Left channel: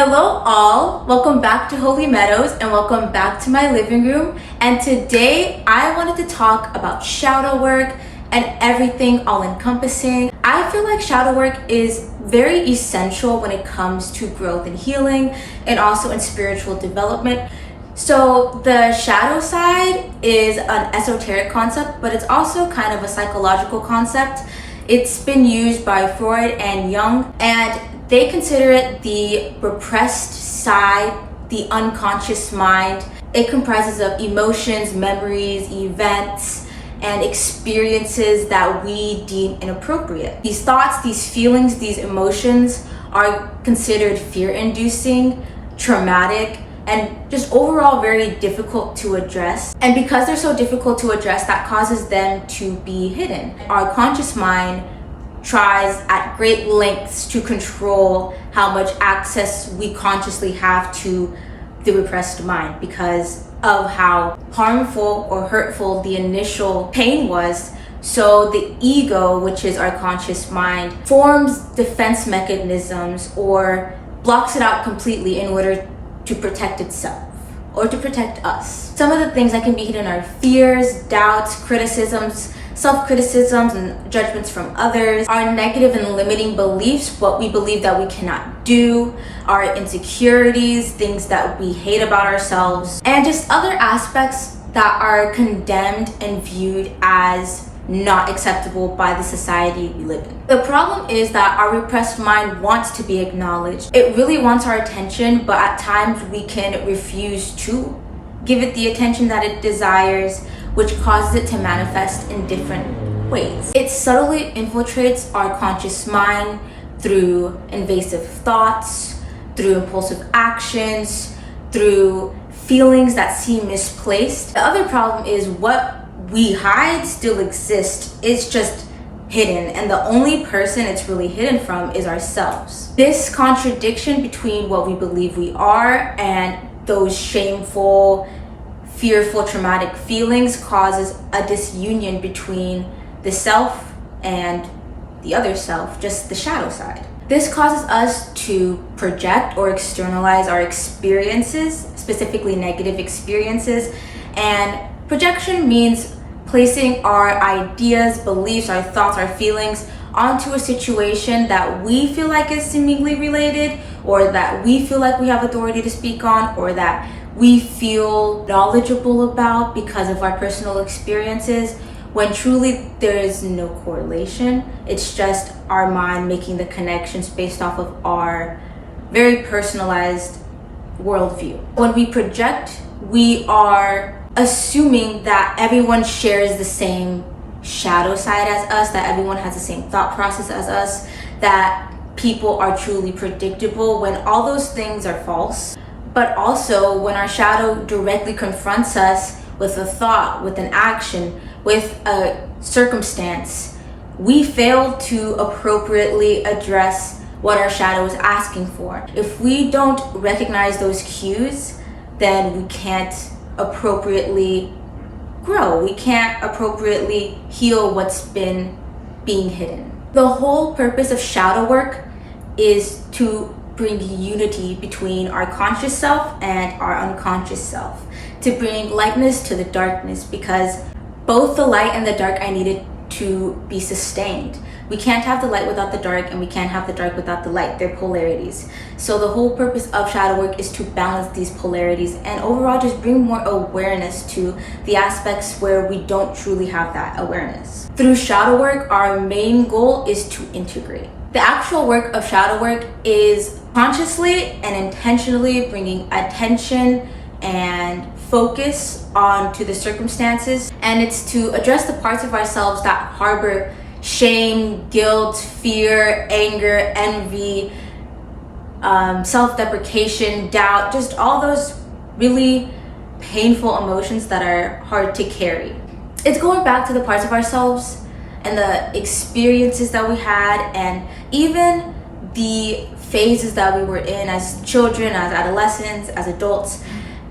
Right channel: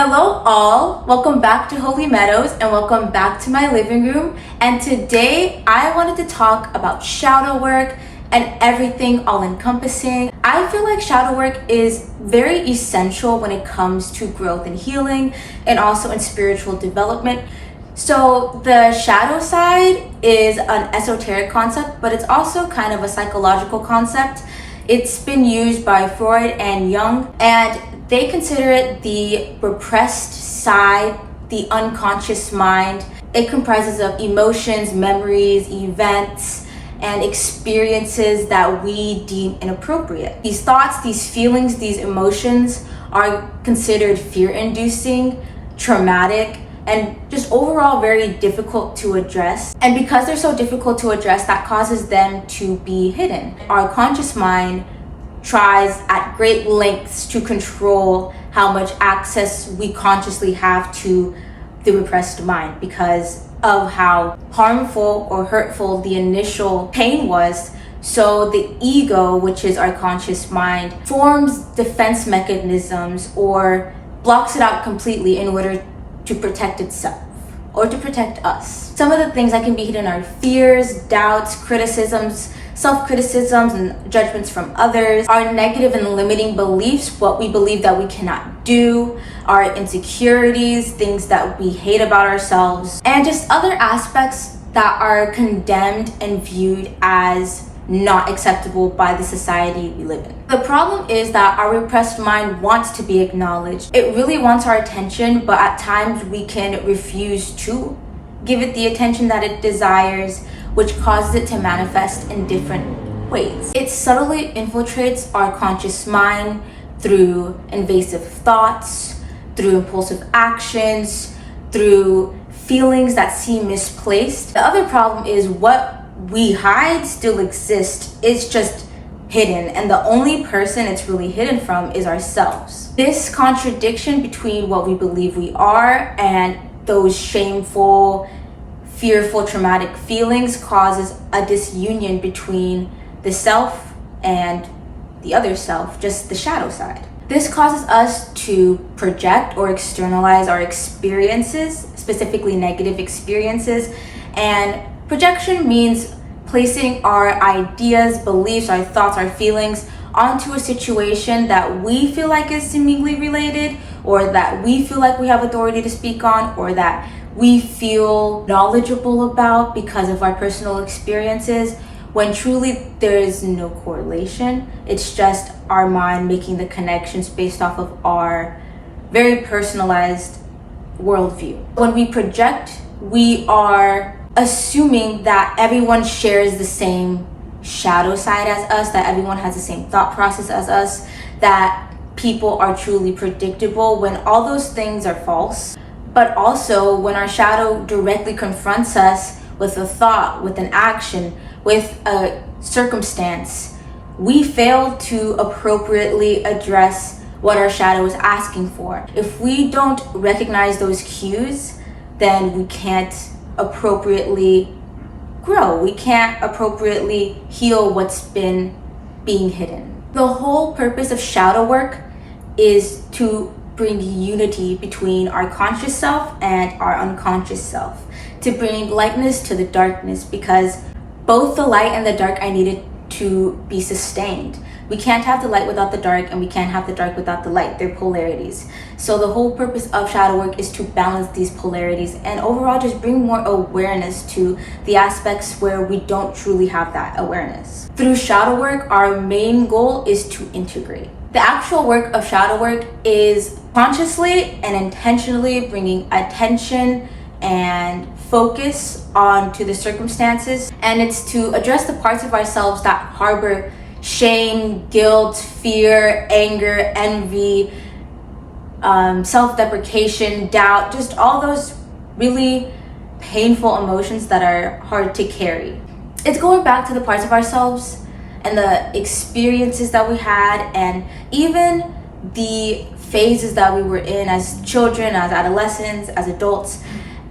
Hello all, welcome back to Holy Meadows and welcome back to my living room. And today I wanted to talk about shadow work and everything all encompassing. I feel like shadow work is very essential when it comes to growth and healing and also in spiritual development. So the shadow side is an esoteric concept, but it's also kind of a psychological concept. It's been used by Freud and Jung, and they consider it the repressed side, the unconscious mind. It comprises of emotions, memories, events, and experiences that we deem inappropriate. These thoughts, these feelings, these emotions are considered fear-inducing, traumatic, and just overall very difficult to address. And because they're so difficult to address, that causes them to be hidden. Our conscious mind tries at great lengths to control how much access we consciously have to the repressed mind because of how harmful or hurtful the initial pain was. So the ego, which is our conscious mind, forms defense mechanisms or blocks it out completely in order to protect itself or to protect us. Some of the things that can be hidden are fears, doubts, criticisms, self-criticisms, and judgments from others, our negative and limiting beliefs, what we believe that we cannot do, our insecurities, things that we hate about ourselves, and just other aspects that are condemned and viewed as not acceptable by the society we live in. The problem is that our repressed mind wants to be acknowledged. It really wants our attention, but at times we can refuse to give it the attention that it desires, which causes it to manifest in different ways. It subtly infiltrates our conscious mind through invasive thoughts, through impulsive actions, through feelings that seem misplaced. The other problem is what we hide still exists. It's just hidden, and the only person it's really hidden from is ourselves. This contradiction between what we believe we are and those shameful, fearful, traumatic feelings causes a disunion between the self and the other self, just the shadow side. This causes us to project or externalize our experiences, specifically negative experiences, and projection means placing our ideas, beliefs, our thoughts, our feelings onto a situation that we feel like is seemingly related, or that we feel like we have authority to speak on, or that we feel knowledgeable about because of our personal experiences, when truly there is no correlation. It's just our mind making the connections based off of our very personalized worldview. When we project, we are assuming that everyone shares the same shadow side as us, that everyone has the same thought process as us, that people are truly predictable, when all those things are false. But also when our shadow directly confronts us with a thought, with an action, with a circumstance, we fail to appropriately address what our shadow is asking for. If we don't recognize those cues, then we can't appropriately grow. We can't appropriately heal what's been being hidden. The whole purpose of shadow work is to bring unity between our conscious self and our unconscious self, to bring lightness to the darkness, because both the light and the dark I needed to be sustained. We can't have the light without the dark, and we can't have the dark without the light. They're polarities. So the whole purpose of shadow work is to balance these polarities and overall just bring more awareness to the aspects where we don't truly have that awareness. Through shadow work, our main goal is to integrate. The actual work of shadow work is consciously and intentionally bringing attention and focus onto the circumstances, and it's to address the parts of ourselves that harbor shame, guilt, fear, anger, envy, self-deprecation, doubt, just all those really painful emotions that are hard to carry. It's going back to the parts of ourselves and the experiences that we had, and even the phases that we were in as children, as adolescents, as adults,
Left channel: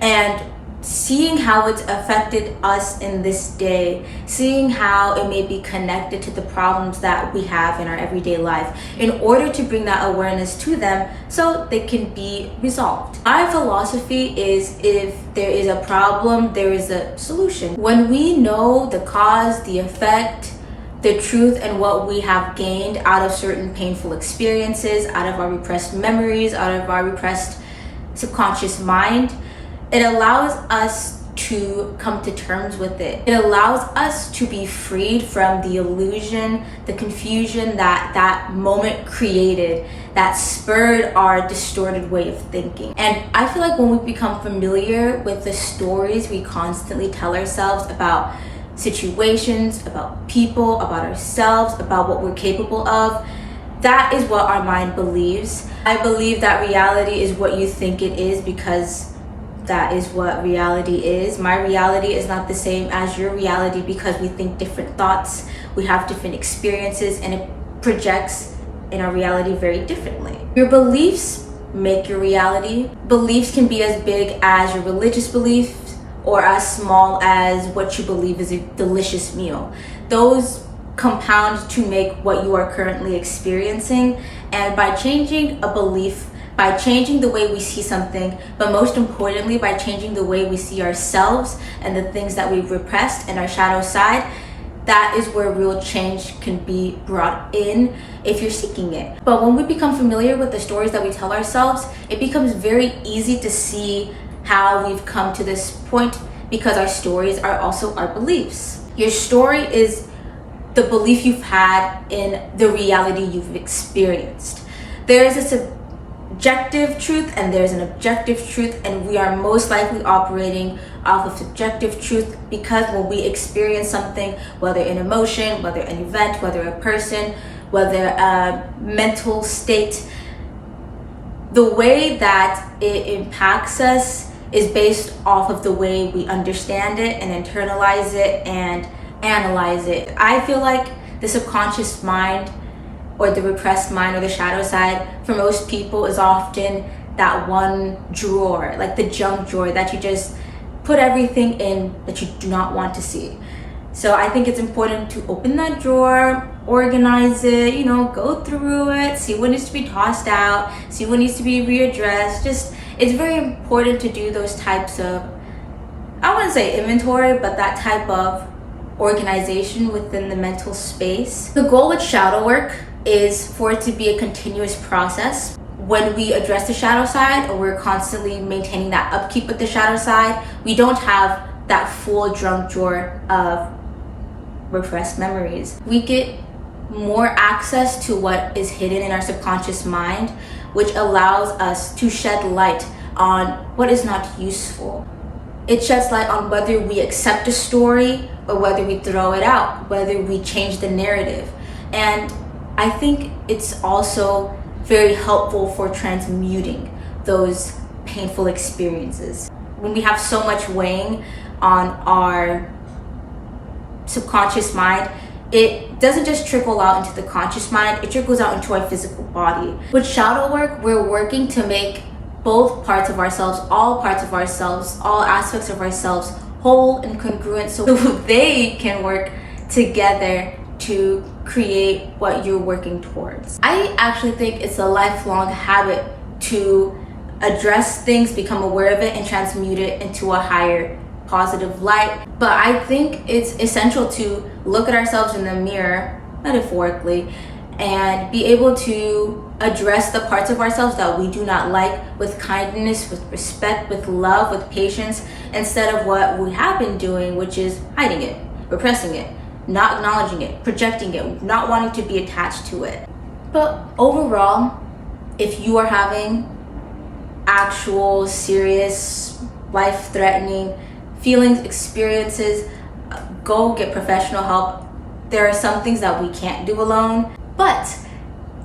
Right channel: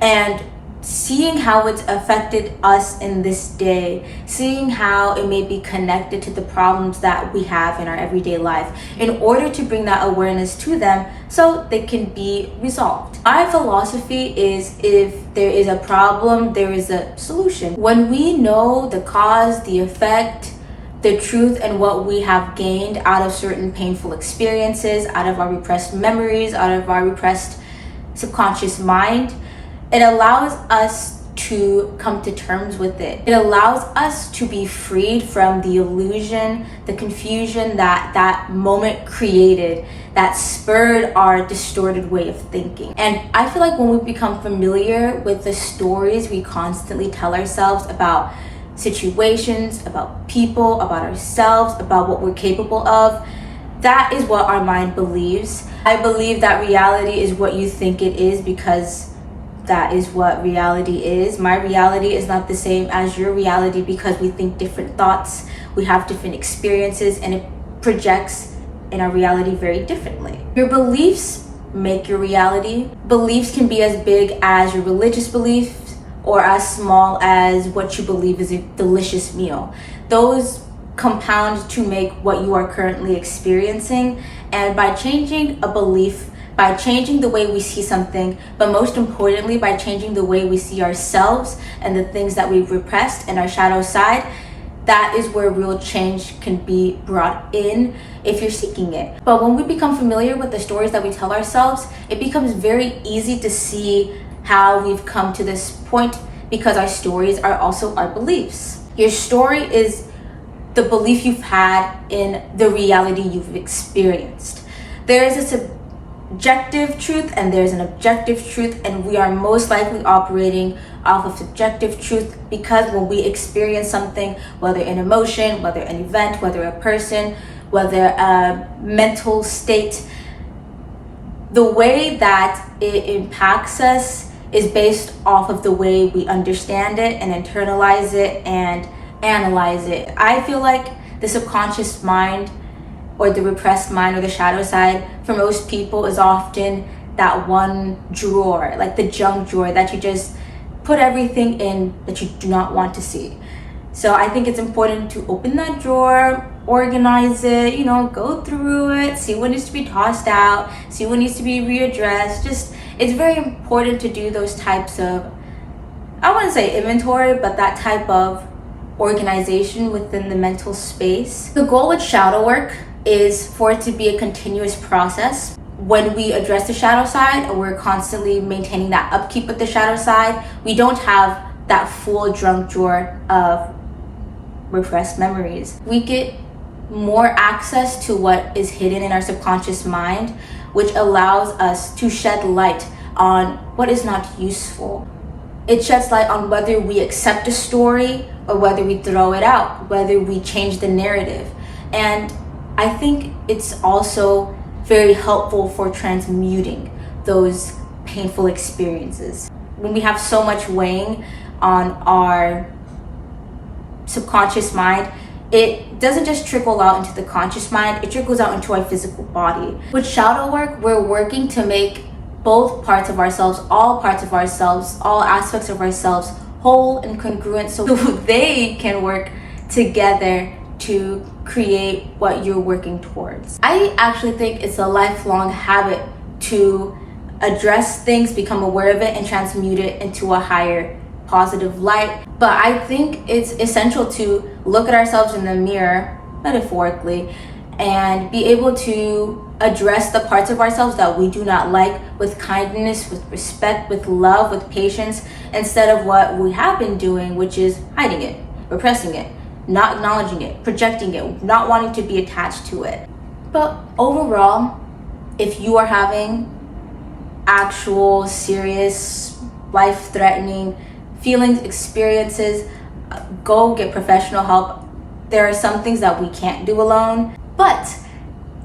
and seeing how it's affected us in this day, seeing how it may be connected to the problems that we have in our everyday life, in order to bring that awareness to them so they can be resolved. My philosophy is, if there is a problem, there is a solution. When we know the cause, the effect, the truth, and what we have gained out of certain painful experiences, out of our repressed memories, out of our repressed subconscious mind, it allows us to come to terms with it. It allows us to be freed from the illusion, the confusion that that moment created, that spurred our distorted way of thinking. And I feel like when we become familiar with the stories we constantly tell ourselves about situations, about people, about ourselves, about what we're capable of, that is what our mind believes. I believe that reality is what you think it is, because that is what reality is. My reality is not the same as your reality, because we think different thoughts, we have different experiences, and it projects in our reality very differently. Your beliefs make your reality. Beliefs can be as big as your religious beliefs or as small as what you believe is a delicious meal. Those compound to make what you are currently experiencing. And by changing a belief, by changing the way we see something, but most importantly, by changing the way we see ourselves and the things that we've repressed and our shadow side, that is where real change can be brought in if you're seeking it. But when we become familiar with the stories that we tell ourselves, it becomes very easy to see how we've come to this point, because our stories are also our beliefs. Your story is the belief you've had in the reality you've experienced. There is a subjective truth and there's an objective truth, and we are most likely operating off of subjective truth, because when we experience something, whether an emotion, whether an event, whether a person, whether a mental state, the way that it impacts us is based off of the way we understand it and internalize it and analyze it. I feel like the subconscious mind, or the repressed mind, or the shadow side, for most people is often that one drawer, like the junk drawer that you just put everything in that you do not want to see. So I think it's important to open that drawer, organize it, go through it, see what needs to be tossed out, see what needs to be readdressed. It's very important to do those types of, I wouldn't say inventory, but that type of organization within the mental space. The goal with shadow work is for it to be a continuous process. When we address the shadow side, or we're constantly maintaining that upkeep with the shadow side, we don't have that full junk drawer of repressed memories. We get more access to what is hidden in our subconscious mind, which allows us to shed light on what is not useful. It sheds light on whether we accept a story or whether we throw it out, whether we change the narrative. And I think it's also very helpful for transmuting those painful experiences. When we have so much weighing on our subconscious mind, it doesn't just trickle out into the conscious mind, it trickles out into our physical body. With shadow work, we're working to make both parts of ourselves, all parts of ourselves, all aspects of ourselves whole and congruent, so they can work together to create what you're working towards. I actually think it's a lifelong habit to address things, become aware of it, and transmute it into a higher positive light. But I think it's essential to look at ourselves in the mirror, metaphorically, and be able to address the parts of ourselves that we do not like with kindness, with respect, with love, with patience, instead of what we have been doing, which is hiding it, repressing it, not acknowledging it, projecting it, not wanting to be attached to it. But overall, if you are having actual, serious, life-threatening feelings, experiences, go get professional help. There are some things that we can't do alone. But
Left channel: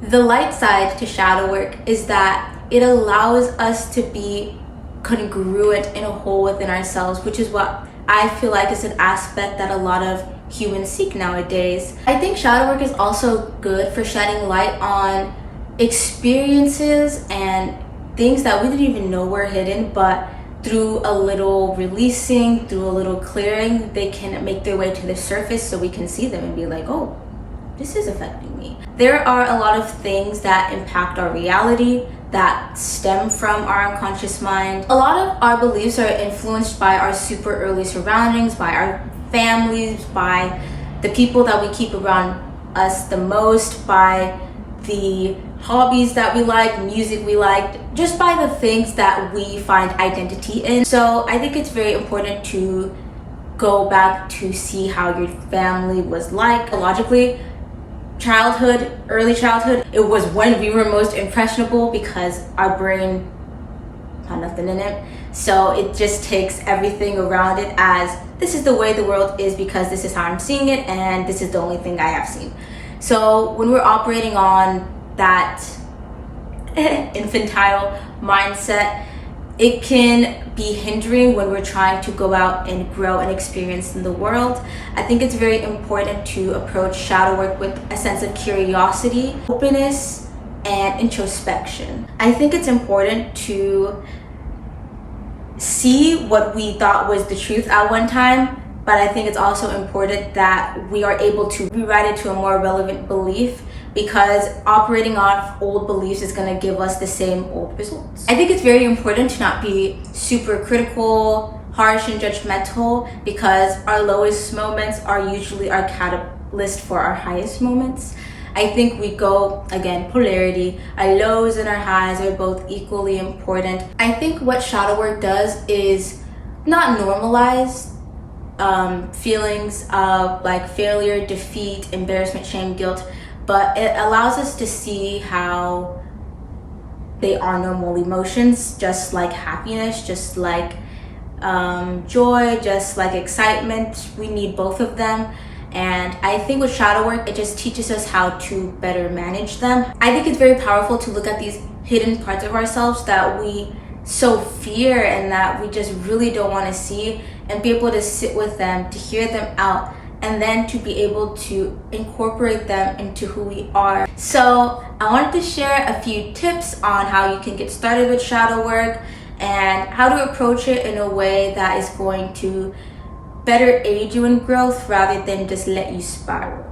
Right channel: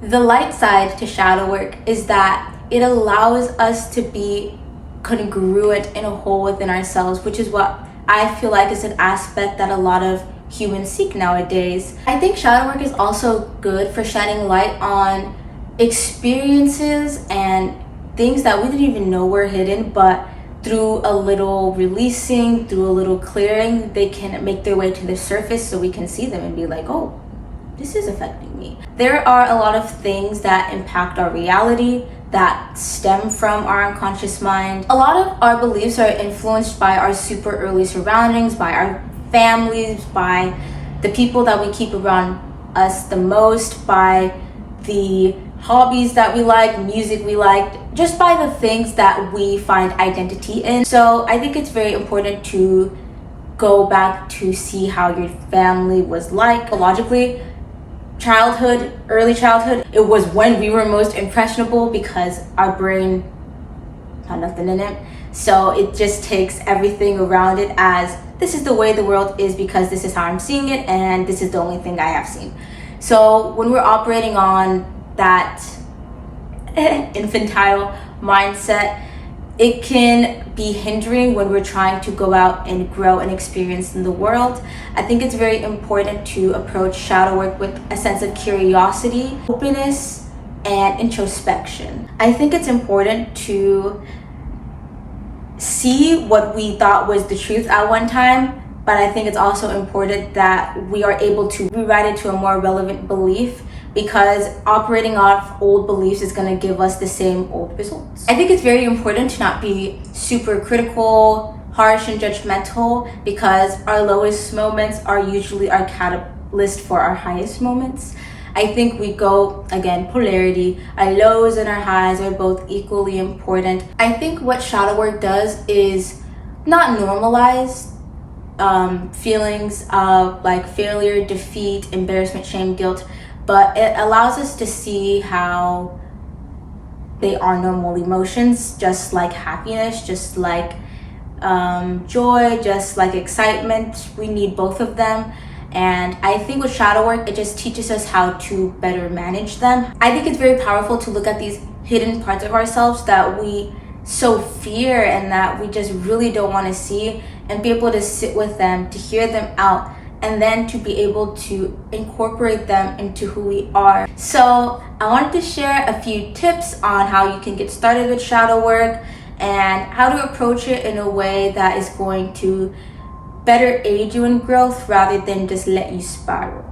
the light side to shadow work is that it allows us to be congruent in a whole within ourselves, which is what I feel like is an aspect that a lot of humans seek nowadays. I think shadow work is also good for shedding light on experiences and things that we didn't even know were hidden, but through a little releasing, through a little clearing, they can make their way to the surface so we can see them and be like, oh, this is affecting me. There are a lot of things that impact our reality that stem from our unconscious mind. A lot of our beliefs are influenced by our super early surroundings, by our families, by the people that we keep around us the most, by the hobbies that we like, music we like, just by the things that we find identity in. So I think it's very important to go back to see how your family was like. Logically, childhood, early childhood, it was when we were most impressionable because our brain had nothing in it. So it just takes everything around it as this is the way the world is because this is how I'm seeing it and this is the only thing I have seen. So when we're operating on that infantile mindset, it can be hindering when we're trying to go out and grow and experience in the world. I think it's very important to approach shadow work with a sense of curiosity, openness, and introspection. I think it's important to see what we thought was the truth at one time, but I think it's also important that we are able to rewrite it to a more relevant belief, because operating off old beliefs is going to give us the same old results. I think it's very important to not be super critical, harsh, and judgmental, because our lowest moments are usually our catalyst for our highest moments. I think we go, again, polarity. Our lows and our highs are both equally important. I think what shadow work does is not normalize feelings of like failure, defeat, embarrassment, shame, guilt, but it allows us to see how they are normal emotions, just like happiness, just like joy, just like excitement. We need both of them. And I think with shadow work, it just teaches us how to better manage them. I think it's very powerful to look at these hidden parts of ourselves that we so fear and that we just really don't want to see, and be able to sit with them, to hear them out, and then to be able to incorporate them into who we are. So I wanted to share a few tips on how you can get started with shadow work and how to approach it in a way that is going to better aid you in growth rather than just let you spiral.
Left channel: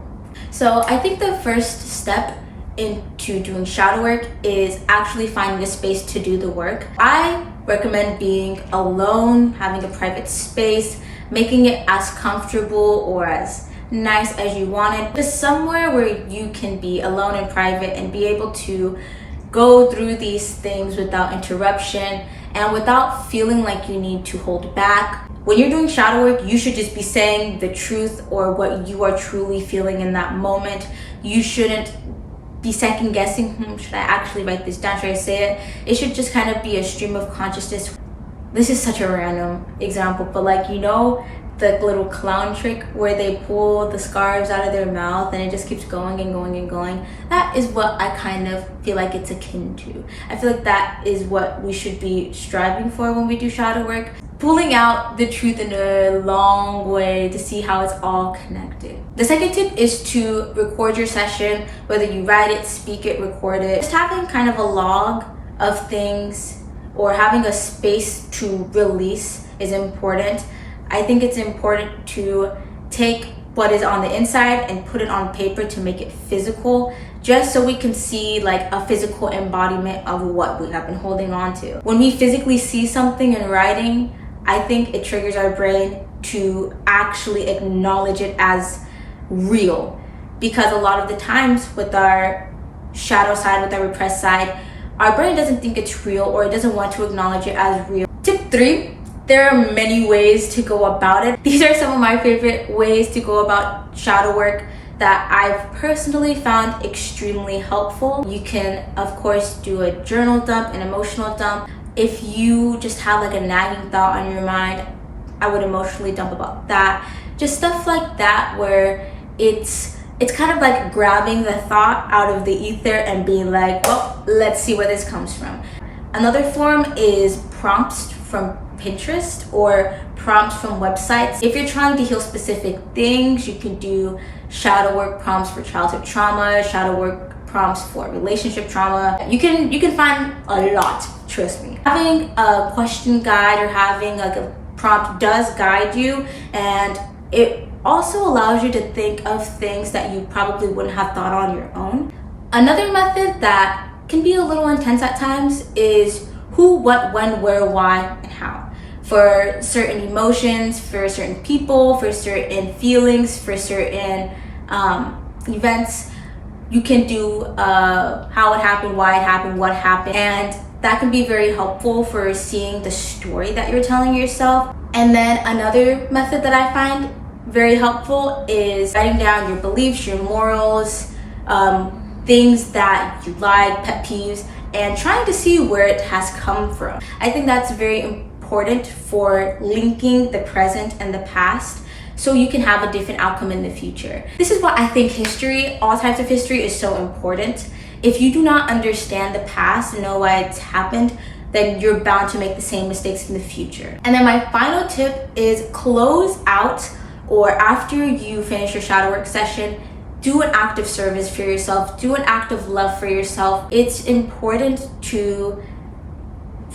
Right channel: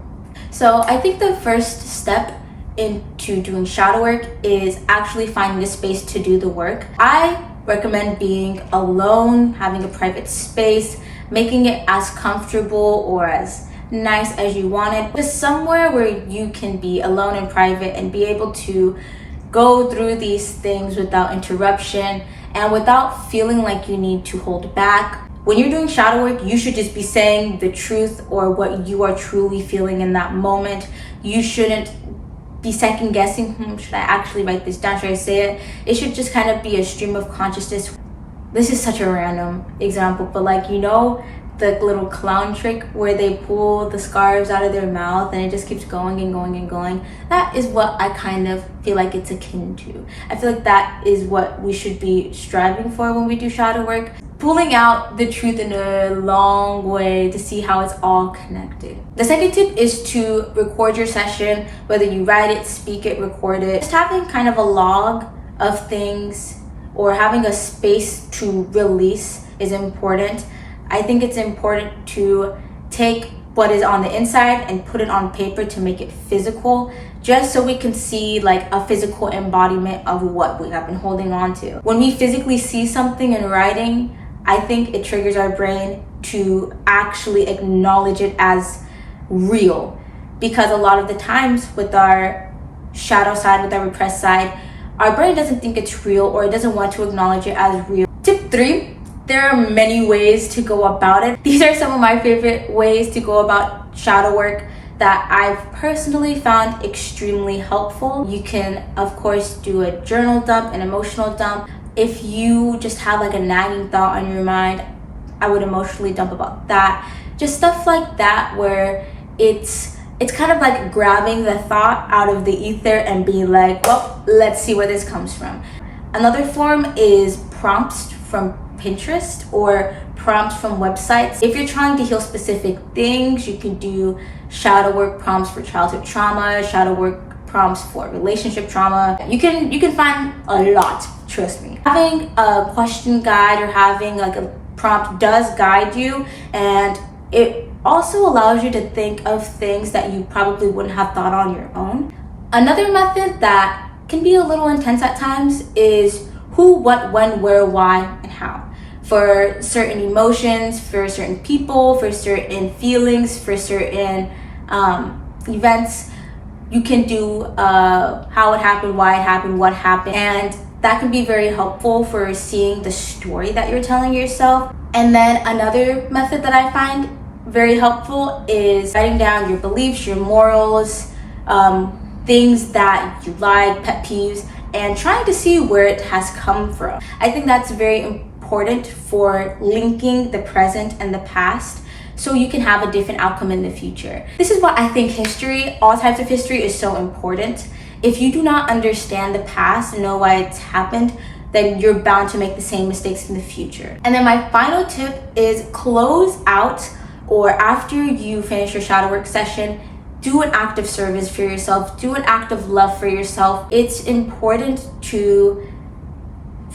So I think the first step into doing shadow work is actually finding a space to do the work. I recommend being alone, having a private space, making it as comfortable or as nice as you want it. Just somewhere where you can be alone and private and be able to go through these things without interruption and without feeling like you need to hold back. When you're doing shadow work, you should just be saying the truth or what you are truly feeling in that moment. You shouldn't be second guessing, should I actually write this down, should I say it? It should just kind of be a stream of consciousness. This is such a random example, but like, you know, the little clown trick where they pull the scarves out of their mouth and it just keeps going and going and going. That is what I kind of feel like it's akin to. I feel like that is what we should be striving for when we do shadow work. Pulling out the truth in a long way to see how it's all connected. The second tip is to record your session, whether you write it, speak it, record it. Just having kind of a log of things or having a space to release is important. I think it's important to take what is on the inside and put it on paper to make it physical, just so we can see like a physical embodiment of what we have been holding on to. When we physically see something in writing, I think it triggers our brain to actually acknowledge it as real, because a lot of the times with our shadow side, with our repressed side, our brain doesn't think it's real or it doesn't want to acknowledge it as real. Tip 3, there are many ways to go about it. These are some of my favorite ways to go about shadow work that I've personally found extremely helpful. You can, of course, do a journal dump, an emotional dump. If you just have like a nagging thought on your mind, I would emotionally dump about that. Just stuff like that where it's kind of like grabbing the thought out of the ether and being like, well, let's see where this comes from. Another form is prompts from Pinterest or prompts from websites. If you're trying to heal specific things, you can do shadow work prompts for childhood trauma, shadow work prompts for relationship trauma. You can find a lot. trust me. Having a question guide or having like a prompt does guide you, and it also allows you to think of things that you probably wouldn't have thought on your own. Another method that can be a little intense at times is who, what, when, where, why, and how. For certain emotions, for certain people, for certain feelings, for certain events, you can do how it happened, why it happened, what happened, and that can be very helpful for seeing the story that you're telling yourself. And then another method that I find very helpful is writing down your beliefs, your morals, things that you like, pet peeves, and trying to see where it has come from. I think that's very important for linking the present and the past so you can have a different outcome in the future. This is why I think history, all types of history, is so important. If you do not understand the past and know why it's happened, then you're bound to make the same mistakes in the future. And then my final tip is close out, or after you finish your shadow work session, do an act of service for yourself, do an act of love for yourself. It's important to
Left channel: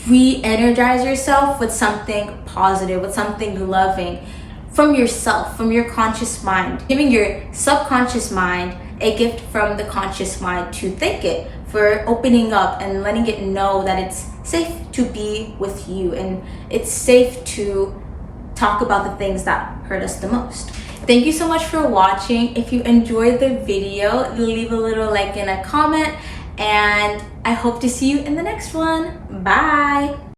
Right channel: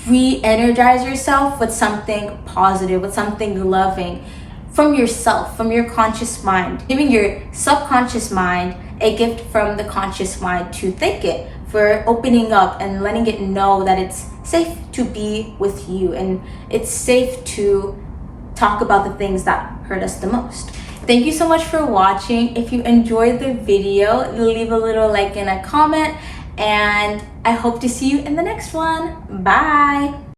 re-energize yourself with something positive, with something loving from yourself, from your conscious mind. Giving your subconscious mind a gift from the conscious mind to thank it for opening up and letting it know that it's safe to be with you and it's safe to talk about the things that hurt us the most. Thank you so much for watching. If you enjoyed the video, leave a little like and a comment, and I hope to see you in the next one. Bye.